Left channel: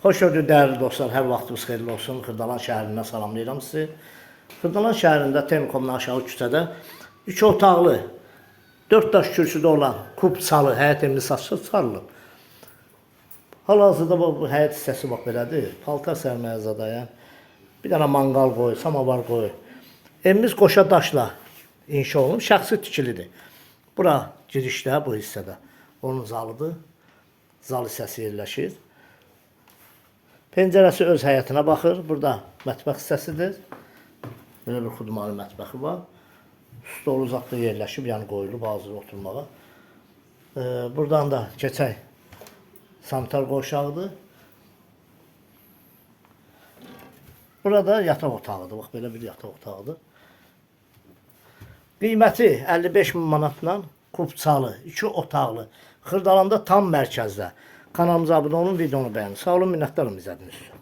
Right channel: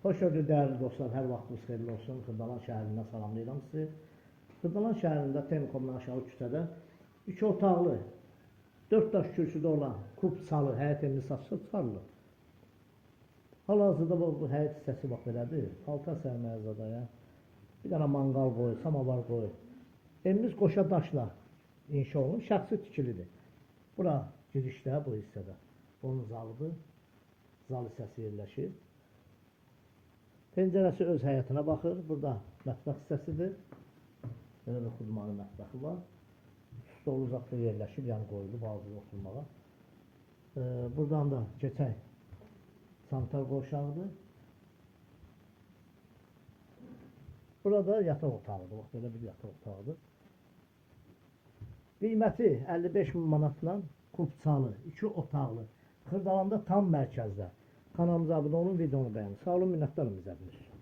Xoş gördük dəyərli dostlar, hər vaxtınız xeyirli olsun. Xırdalan şəhərindən salamlayıram sizi. Xırdalan şəhərində Telekomdan aşağı küçədə 3 otaqlı, 4 daş kürsüdə olan kub salı, həyət evini satışa çıxarılıb. Hal-hazırda bu həyət hissəsi bax belədir. Paltar sərməyə zadaya. Bir dənə manqal qoy, samavar qoy. Evimiz qoşa daşla inşa olunub, şəxsi tikilidir. Bura girişdə, bu hissədə. Onun zalıdır. Zal hissəsi yerləşir. Pəncərəsi öz həyətinə baxır. Burada mətbəx hissəsidir. Belə bir xudmalı mətbəxi var. Stolu uzaqda yerləşib, yəni qoyulub hazır oturmağa. Buradan da keçək sanitar qovşağıdır. Burada yataq otağıdır. Bax, belə bir yataq otağıdır. Qiyməti 55 min manatla kubçalı, 2 otaqlı. Xırdalanda tam mərkəzdə. Kanalımıza abunə olun, videonu bəyənin. Sağ olun, minnətdarım izlədiyiniz üçün.